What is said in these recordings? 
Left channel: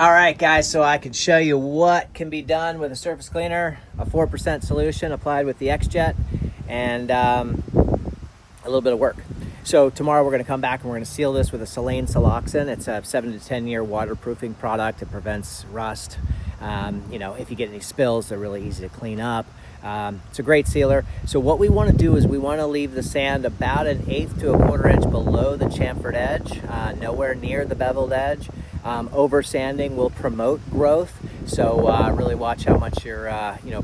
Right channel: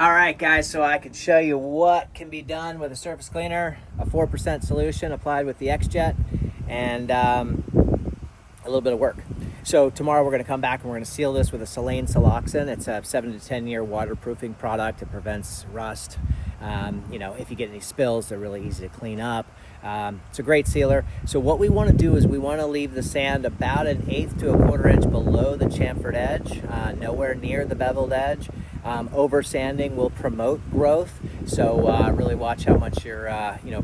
All right, guys, so I can show you what can be done with a surface cleaner, a 4% solution applied with the X-Jet, and a little bit of work. So tomorrow we're going to come back and we're going to seal this with a Silane siloxane. It's a 7 to 10 year waterproofing product. It prevents rust. If you get any spills, they're really easy to clean up. It's a great sealer. So what we want to do is we want to leave the sand about 1/8 to 1/4 inch below the chamfered edge, nowhere near the beveled edge. Over sanding will promote growth, so really watch how much you're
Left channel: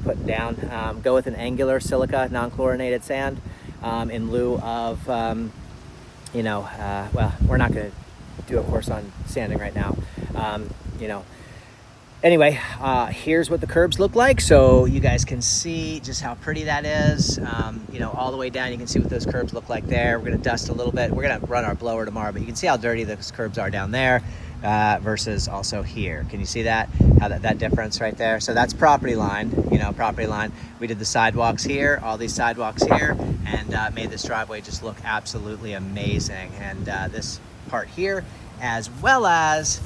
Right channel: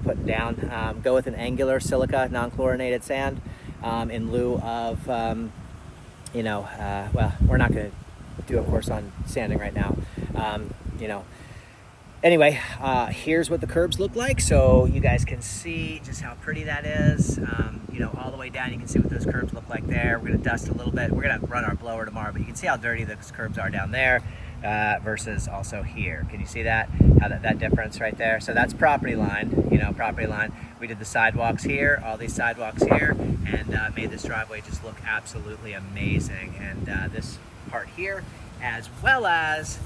putting down. Go with an angular silica non-chlorinated sand in lieu of well, we're not going to do a course on sanding right now. Anyway, here's what the curbs look like, so you guys can see just how pretty that is. All the way down, you can see what those curbs look like there. We're going to dust a little bit. We're going to run our blower tomorrow, but you can see how dirty those curbs are down there versus also here. Can you see that? How that difference right there? So that's property line, property line. We did the sidewalks here, all these sidewalks here, and made this driveway just look absolutely amazing. And this part here, as well as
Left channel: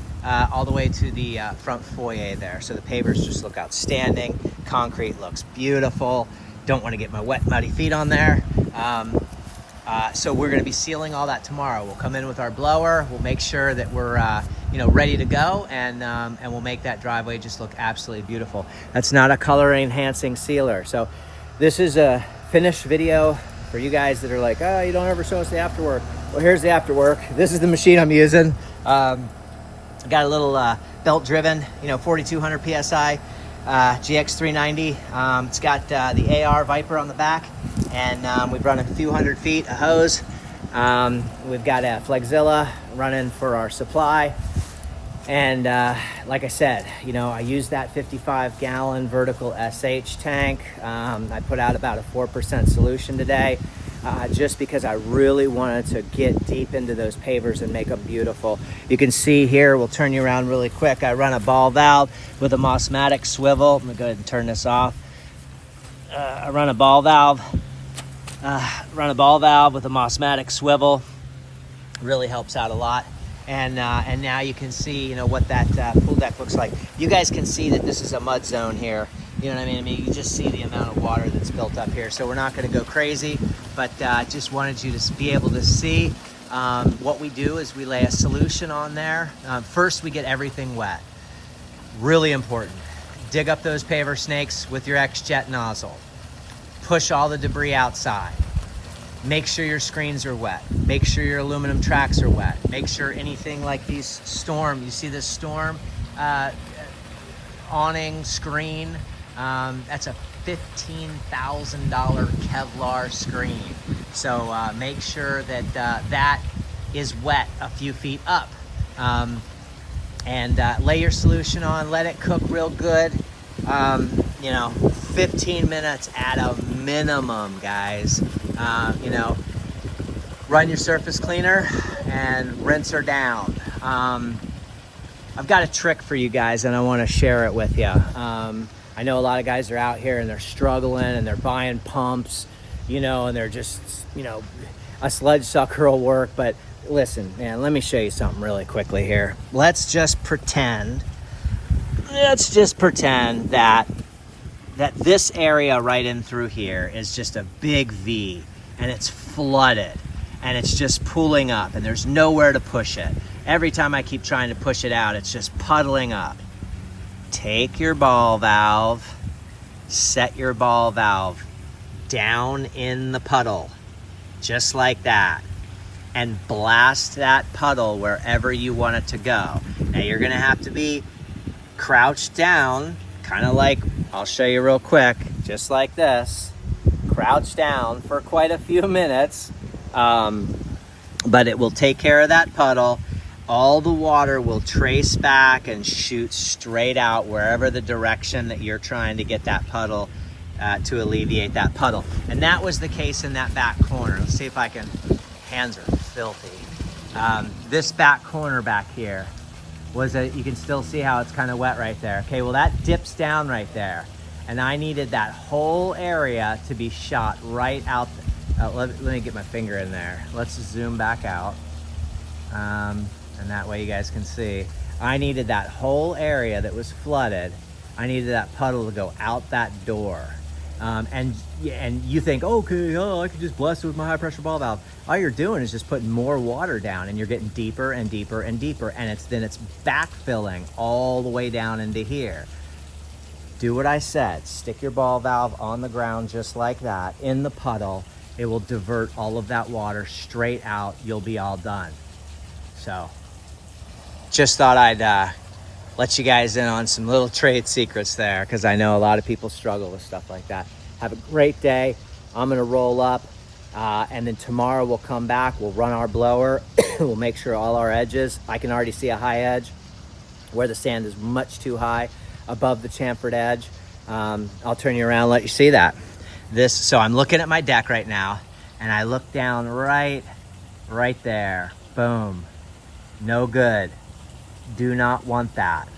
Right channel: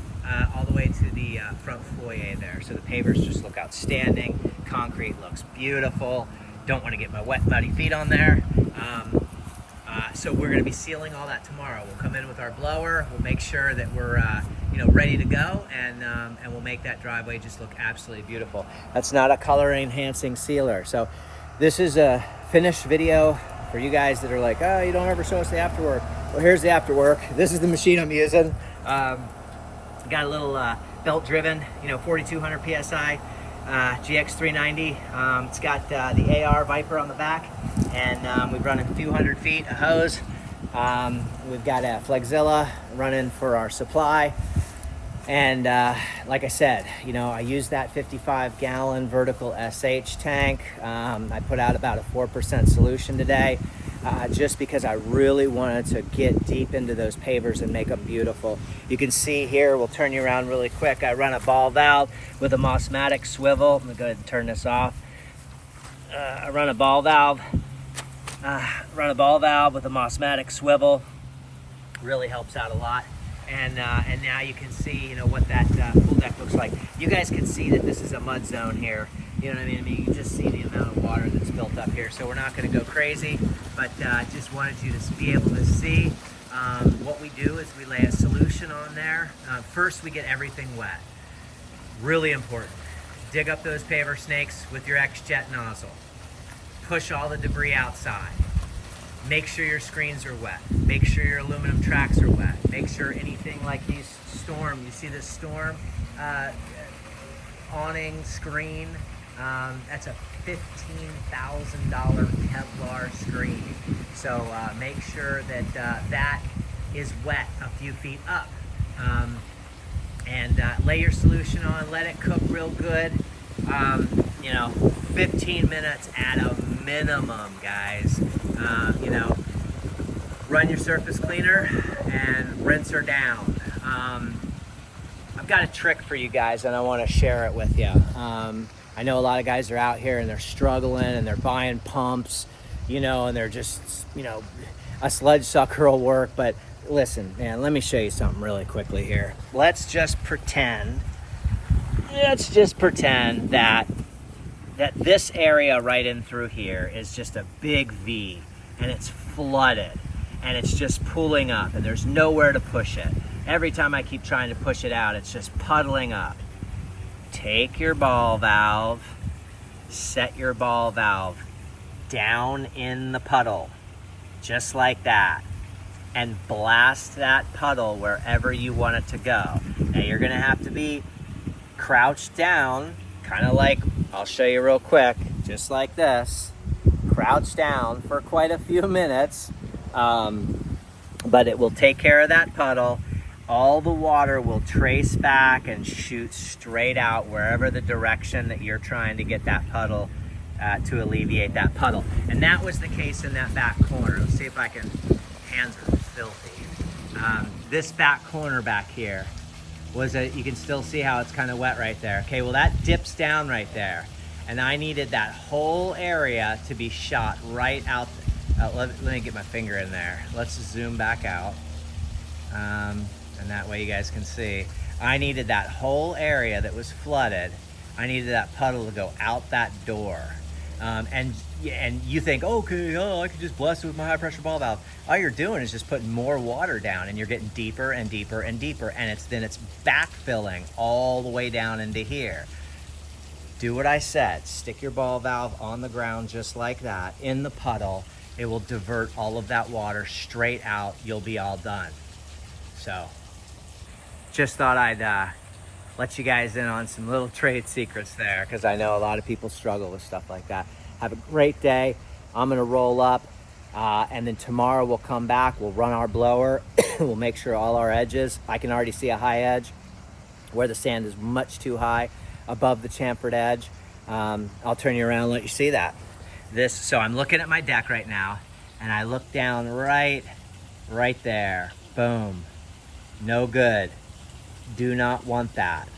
all the way to the front foyer there. So the pavers just look outstanding. Concrete looks beautiful. Don't want to get my wet, muddy feet on there. So we're going to be sealing all that tomorrow. We'll come in with our blower. We'll make sure that we're ready to go, and we'll make that driveway just look absolutely beautiful. That's not a color enhancing sealer. So this is a finished video for you guys that are like, oh, you don't ever show us the afterwork. Well, here's the afterwork. This is the machine I'm using. Got a little belt driven, 4,200 PSI GX390. It's got the AR Viper on the back, and we've run a few hundred feet of hose. We've got a Flexzilla running for our supply. And like I said, I used that 55-gallon vertical SH tank. I put out about a 4% solution today. Just because I really wanted to get deep into those pavers and make them beautiful. You can see here, we'll turn you around really quick. I run a ball valve with a Mossmatic swivel. I'm gonna go ahead and turn this off. I run a ball valve with a Mossmatic swivel. Really helps out a lot. And now you can see, what that pool deck looks like. You guys can see that this is a mud zone here. You know what I mean? You just see the amount of water that's built up here. So we're not going to go crazy, but just wanted you to be able to see what we do is we lay a solution on there. First, we get everything wet. Really important. Dig up those paver snakes with your X-Jet nozzle. Push all the debris outside. Make sure your screens are wet. Make sure your aluminum tracks are wet. Make sure anything like these storm, you see this storm awning, screen, that's a $15,000 Kevlar screen. So make sure that that is wet a few feet up. And lay your solution on, let it cook real good. 15 minutes at a minimum, guys. Run your surface cleaner and rinse her down. I've got a trick for you guys and I want to share it with you. I know a lot of guys are out here and they're struggling and they're buying pumps, and they're just, a sledge sucker will work. But listen, man, let me show you something really quickly here. Let's just pretend that this area right in through here is just a big V and it's flooded and it's just pooling up and there's nowhere to push it. Every time I keep trying to push it out, it's just puddling up. Take your ball valve, set your ball valve down in the puddle, just like that, and blast that puddle wherever you want it to go. Now you're gonna have to be crouched down, kind of like, I'll show you real quick, just like this, crouch down for quite a few minutes, but it will take care of that puddle. All the water will trace back and shoot straight out wherever the direction that you're trying to get that puddle to alleviate that puddle. And that was the case in that back corner. Let's see if I can, hands are filthy. This back corner back here was you can still see how it's kind of wet right there. Okay, well that dips down right there. And I needed that whole area to be shot right out. Let me get my finger in there. Let's zoom back out. And that way you guys can see. I needed that whole area that was flooded. I needed that puddle to go out that door. And you think, okay, I could just blast it with my high pressure ball valve. All you're doing is just putting more water down, and you're getting deeper and deeper and deeper, and then it's backfilling all the way down into here. Do what I said. Stick your ball valve on the ground just like that in the puddle. It will divert all of that water straight out. You'll be all done. So just thought I'd let you guys in on some little trade secrets there, because I know a lot of people struggle with stuff like that. Have a great day. I'm gonna roll up, and then tomorrow we'll come back, we'll run our blower, we'll make sure all our edges, I can already see a high edge where the sand is much too high above the chamfered edge. I'll turn you around and let you see that. So I'm looking at my deck right now, and I look down right there, boom, no good. Do not want that.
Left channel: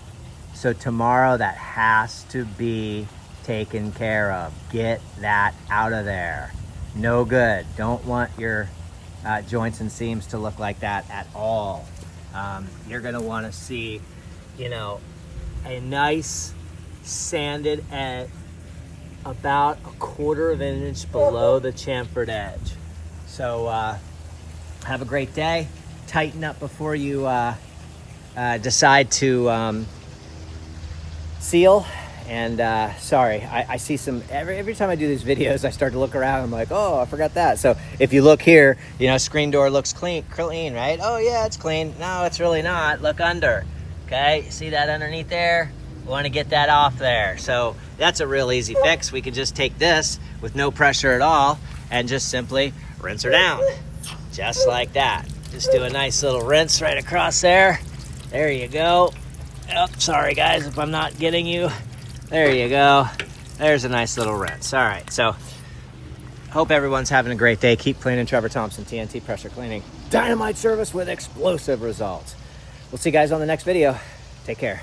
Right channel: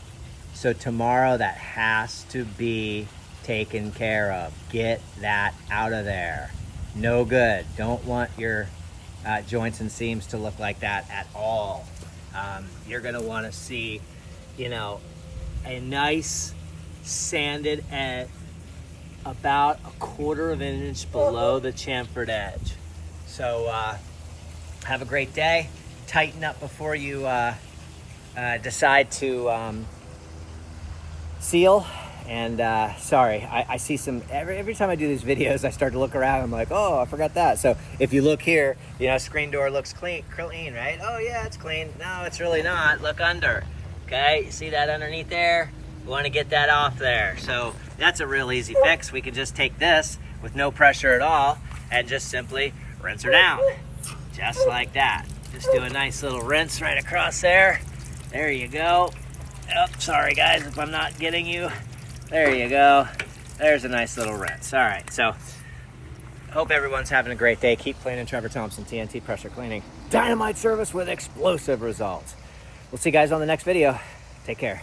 So tomorrow that has to be taken care of. Get that out of there. No good. Don't want your joints and seams to look like that at all. You're gonna wanna see, a nice sanded edge about 1/4 of an inch below the chamfered edge. So have a great day. Tighten up before you decide to seal. And sorry, I see some, every time I do these videos, I start to look around. I'm like, oh, I forgot that. So if you look here, screen door looks clean, right? Oh yeah, it's clean. No, it's really not. Look under. Okay, you see that underneath there? We want to get that off there. So that's a real easy fix. We could just take this with no pressure at all and just simply rinse her down, just like that. Just do a nice little rinse right across there. There you go. Oh, sorry guys if I'm not getting you. There you go. There's a nice little rinse. All right, so hope everyone's having a great day. Keep cleaning. Trevor Thompson, TNT Pressure Cleaning. Dynamite service with explosive results. We'll see you guys on the next video. Take care.